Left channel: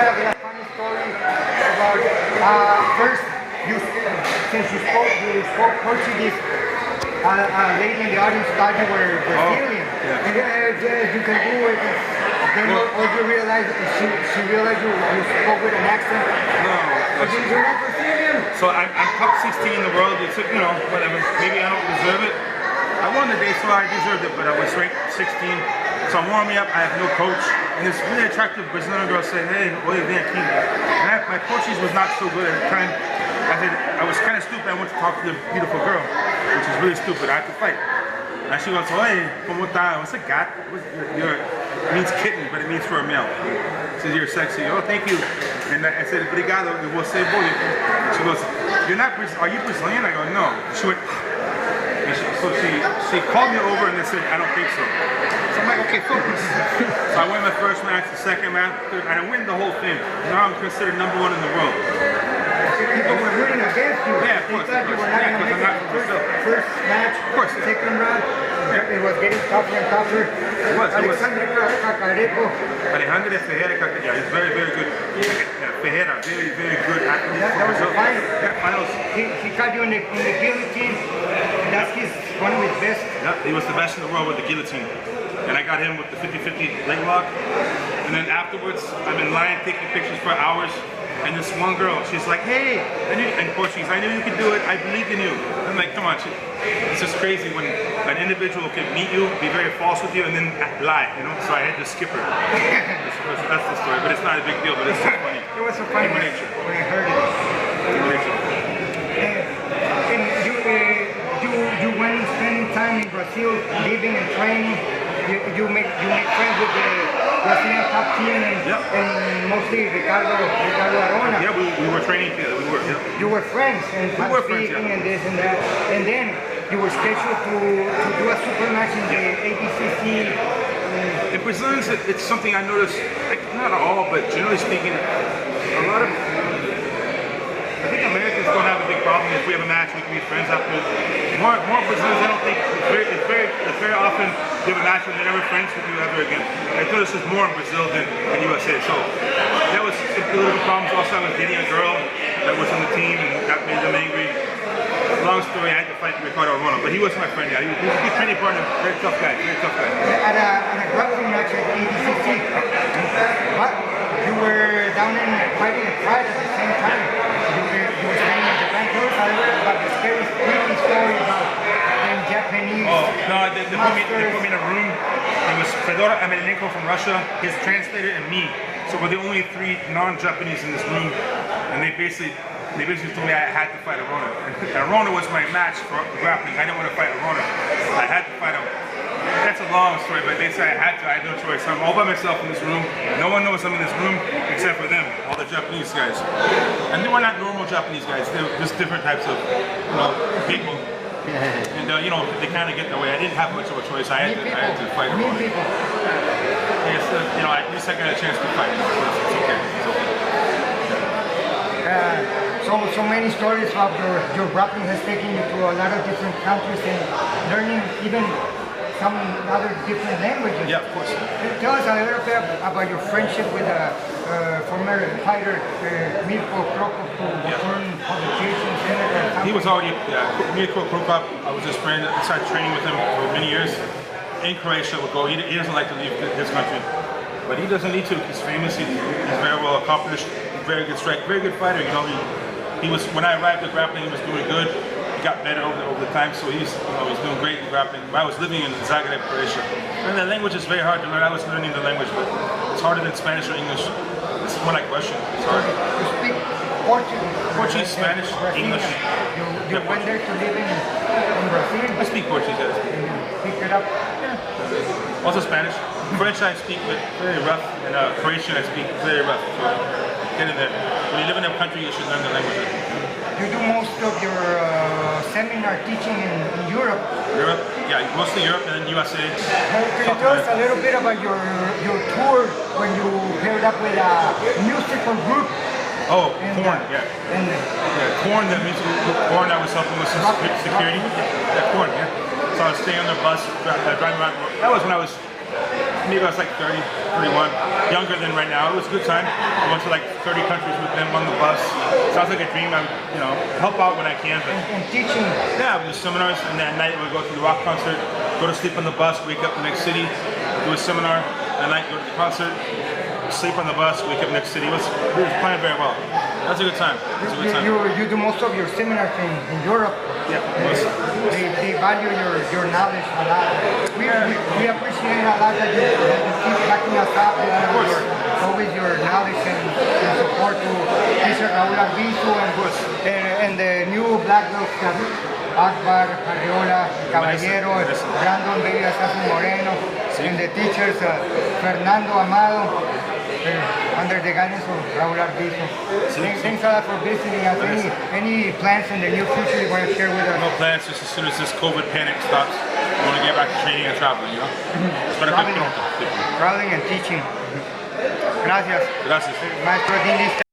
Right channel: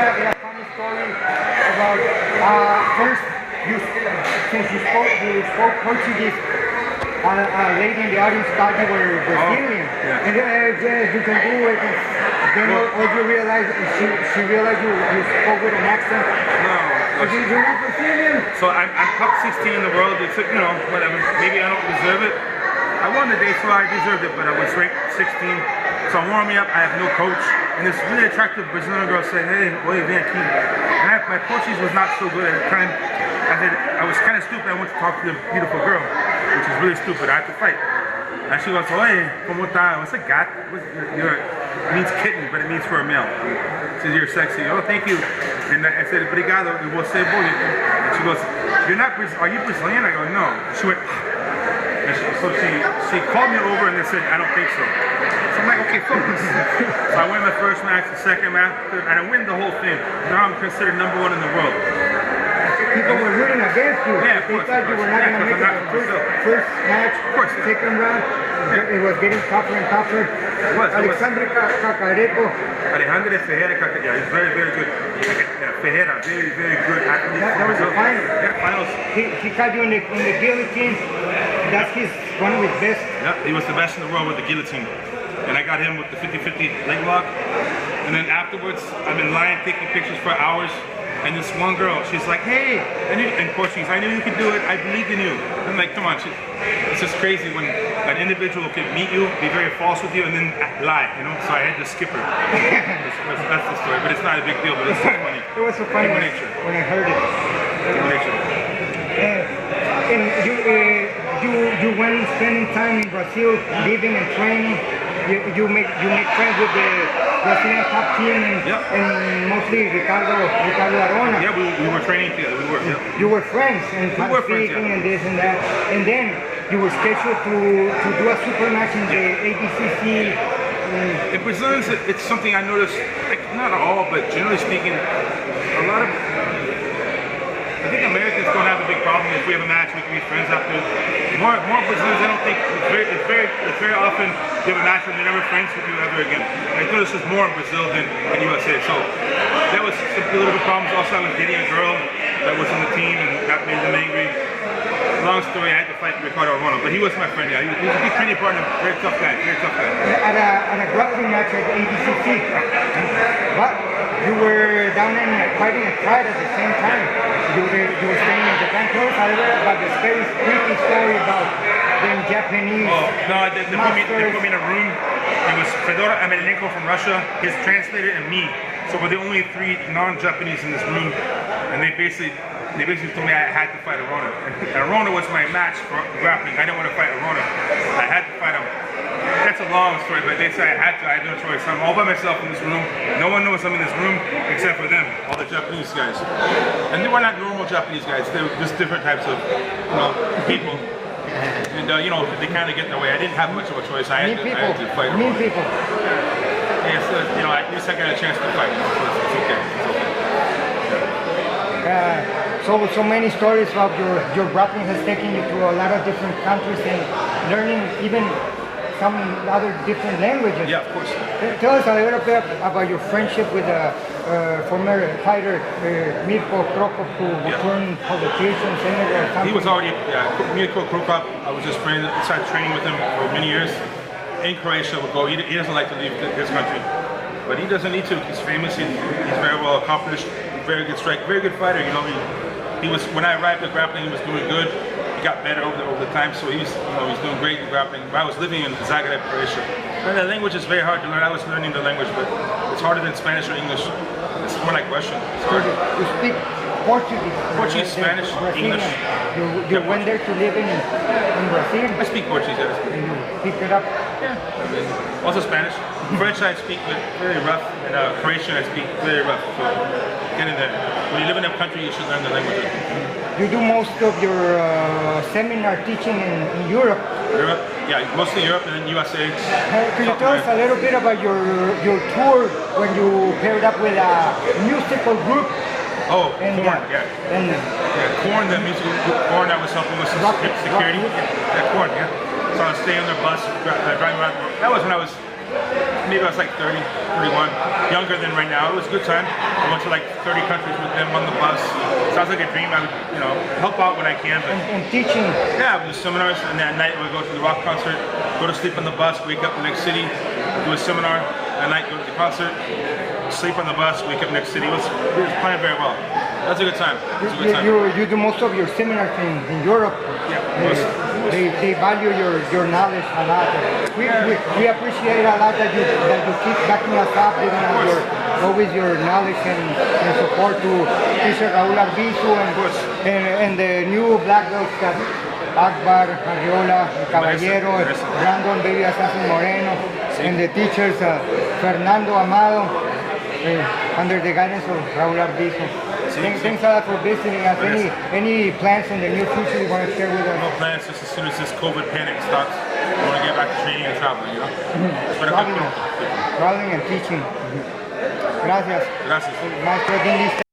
a funny story about first, since you spoke Portuguese, a lady in the audience thought you were Brazilian. Yeah. And yeah, you can do it. Then or you realized, she realized you spoke with an accent. No. You're not Brazilian. So I'm top 16 in the world. It's, you know, whatever. Maybe I don't deserve it. I won the day, so I deserved it, but I was ranked 16. So I'm warming up. I have no coach. And this really attractive Brazilian girl said, hey, oye, vem aqui. And my Portuguese was not so good at the time. I was kind of stupid. I went to talk to the beautiful girl, which is really stupid. I had to fight. And she goes, oye, como tá? What's a gat? It means kitten, but it means for a male. She says, you're sexy. Oh, thank you. And I said, obrigado, e você bonito. And she goes, are you Brazilian? I go, no. She went, and she called me over and they said, I don't think so. So I'm like, okay, focus. So I win my first match, the second match, and I win the whole thing. Now I'm considered #1 in the world. People were rooting against you. Yeah, of course. They thought you were not going to make it. First match, second round, it was getting tougher and tougher. It was. Alexandre Cacareco. Alejandro Ferreira, yeah, he's very, very good. Yeah, Ferreira, very, very good athlete. That was the final. Yeah, finals. He caught you in the guillotine. That's one of his best. Yep, he was the best in the world with the guillotine. And I got him with the 50-50 leg lock. And then afterwards, I've been lying, taking pictures for hours. And this one girl, she's like, hey, in Portuguese, I knew you could do it. I believed in you. I'm like, come on, it's just crazy when an individual can meet you, be very false with you, and then lie, you know? So I had to skip her. That's the story, but it's not a big deal, but it's so funny. It was so funny when I heard it. Human nature. And you went spending time in Brazil, living and training. You make friends with the Brazilian top team and mostly Ricardo Arona. Yeah, we were training together. You were friends and speaking and this and that. And then you were scheduled to do a super match in the ADCC. In Brazilians, it's something I noticed, like not all, but generally speaking, a lot of, I think Americans don't have a big problem. If we have a match, we can be friends afterwards. More Brazilians, I don't think, it's very often you have a match and they're never friends with you ever again. I noticed this more in Brazil than in USA. So that was some political problems. Also, I was dating a girl that was on the team and that made them angry. Long story, I had to fight Ricardo Arona, but he was my friend. Yeah, he was a good training partner, very tough guy, very tough guy. At a grappling match at ADCC, but you were down in fighting and pride at the same time. You were staying in Japan too, but the scary freaky story about them Japanese. Oh, no, they put me in a room. It was Fedor Emelianenko from Russia, his translator, and me. So we're the only 3 non-Japanese in this room, and they basically told me I had to fight Arona. And Arona was my match for grappling. I didn't want to fight Arona. I had to fight him. That's a long story, but they said I had to. I had no choice. So I'm all by myself in this room. No one knows I'm in this room except for them, all the Japanese guys. And they were not normal Japanese guys. They were just different types of, people. And they kind of get in the way. I didn't have much of a choice. I had to fight Arona. Yeah, so, at least I got a chance to fight. So it's okay. It's okay. So many stories of your grappling has taken you to a lot of different countries and learning even some other different languages. Yeah, of course. Tell us a little bit about your friendship with former fighter Mirko Krokop, who turned publications. He was already, Mirko Krokop. I was just friends. I started training with him for many years. In Croatia, would go. He doesn't like to leave his country, but he doesn't need to. He's famous. He's very well accomplished. Very good strike. Very good fighter. He was, when I arrived at grappling, he was doing good. He got better over the time, so he's doing great in grappling. I was living in Zagreb, Croatia, and the language is very hard to learn. I was learning the language, but it's harder than Spanish or English. It's more like Russian. It's hard. You speak Portuguese. Portuguese, Spanish, English. You went there to live in Brazil. I speak Portuguese. And you picked it up. Yeah. Also Spanish. French I speak very rough, and Croatian I speak very rough. So get in there. When you live in a country, you should learn the language. You do most of your seminar teaching in Europe. Europe, yeah, mostly Europe and then USA. Can you tell us a little bit about your tour when you paired up with a musical group? Oh, Korn, yeah. Korn, that means Korn, I was helping with some security. Yeah, Korn, yeah. So I was staying on their bus, driving around. That was when I was maybe I was like 30, 31, younger than right now. It was a good time. I went to like 30 countries with them on the bus. Sounds like a dream. I would, help out when I can. But And teaching. yeah, we do seminars, and then at night we go to the rock concert, go to sleep on the bus, wake up the next city, do a seminar. At night, go to the concert, sleep on the bus, wake up next city. It was playing very well. That was a good time. It was a good time. You do most of your seminars in Europe. Yeah. They value your knowledge a lot. We appreciate a lot that you keep backing us up with always your knowledge and support to Mr. Raúl Arbizu and the new black belts that Akbar, Arriola, Caballero, Brandon, David Assassin Moreno, and the teachers Fernando Amado under the guidance of Raúl Arbizu. Thanks a lot for visiting us. Any plans in the near future you want to share with us? No plans, just as soon as this COVID panic stops, I want to get back to training and traveling, Traveling and teaching. Gracias. Gracias. Maestro Dili.